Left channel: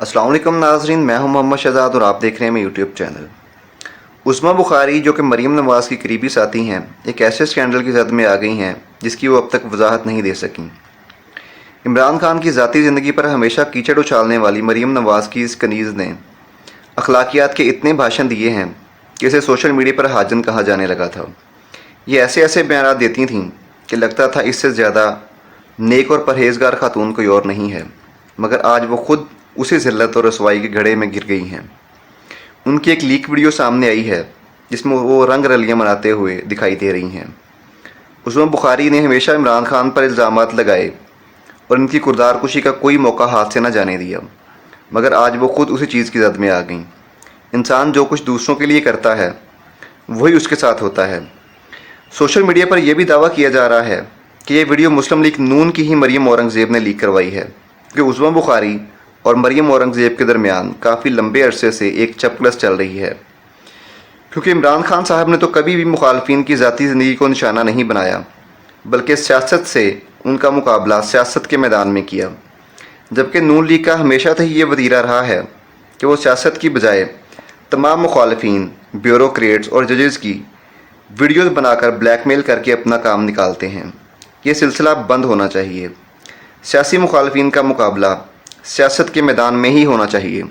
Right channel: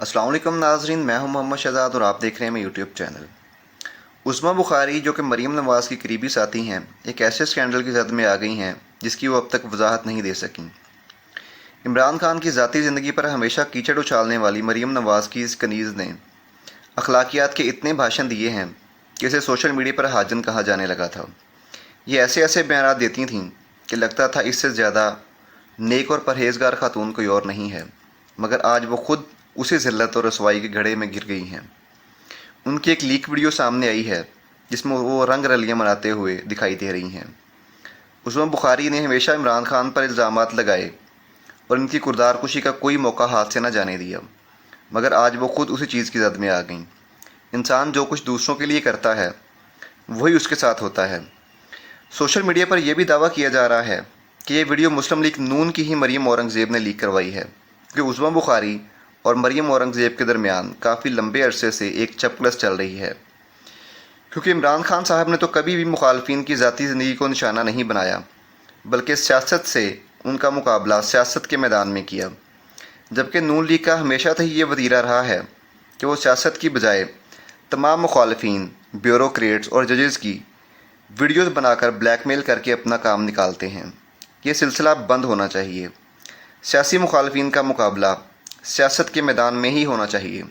السلام علیکم ناظرین، میں ہوں محمد شہزاد اور آپ دیکھ رہے ہیں میرے یوٹیوب چینل۔ عظمیٰ بخاری جو کہ مریم نواز کی قریبی ساتھی ہیں، ایک ایسے اسکینڈل کی زد میں آ گئی ہیں جس کی وہ اب تک وضاحت نہیں دے سکیں۔ عمران خان کی ذاتی زندگی پر ہمیشہ کیچڑ اچھالنے والی مریم نواز کی اس کنیز نے اخلاقیات کے اتنے بھاشن دیے ہیں کہ اسے سوشل میڈیا پر حاجن کہا جانے لگا تھا۔ یہ ایسے بیانات دیتی تھیں کہ لگتا تھا اس سے زیادہ نیک اور پرہیزگار خاتون کوئی اور نہیں ہے، مگر آج وہ خود اسی ذلت اور رسوائی کے گھڑے میں گر گئی ہیں۔ ان کی ایک لیک ویڈیو سامنے آئی ہے جس میں وہ رنگ رلیاں مناتے ہوئے دکھائی دے رہی ہیں۔ عظمیٰ بخاری نے ہمیشہ عمران خان پر الزامات لگائے اور ان کی کردار کشی کا کوئی موقع ہاتھ سے نہ جانے دیا، مگر آج وہ خود اسی چیز کی زد میں آ گئیں۔ انسان جو کچھ دوسروں کے لیے کرتا ہے وہی اس کے ساتھ ہوتا ہے۔ سوشل میڈیا پر یہ بھی دعویٰ کیا جا رہا ہے کہ یہ ویڈیو مسلم لیگ نون کی ہی مریم اورنگزیب نے لیک کروائی ہے کہ عظمیٰ بخاری اور مریم اورنگزیب کے درمیان کافی لمبے عرصے سے ایک چپکلس چل رہی ہے، کیونکہ عمران خان صاحب نے تو کبھی بھی مخالفین کی ذاتی زندگی کو نشانہ نہیں بنایا، بلکہ سیاست سے ان کا مقابلہ سیاست کے میدان میں کیا، جبکہ نون لیگ کا ہمیشہ سے یہ وتیرہ رہا ہے کہ وہ سیاست کی بجائے تمام مخالفین، بیوروکریٹس اور ججز کی ویڈیوز بنا کر بلیک میل کر کے اپنا کام نکالتے ہیں۔ یہ سلسلہ بند ہونا چاہیے۔ سیاسی مخالفین کا مقابلہ سیاست کے میدان میں ہی ہونا چاہیے۔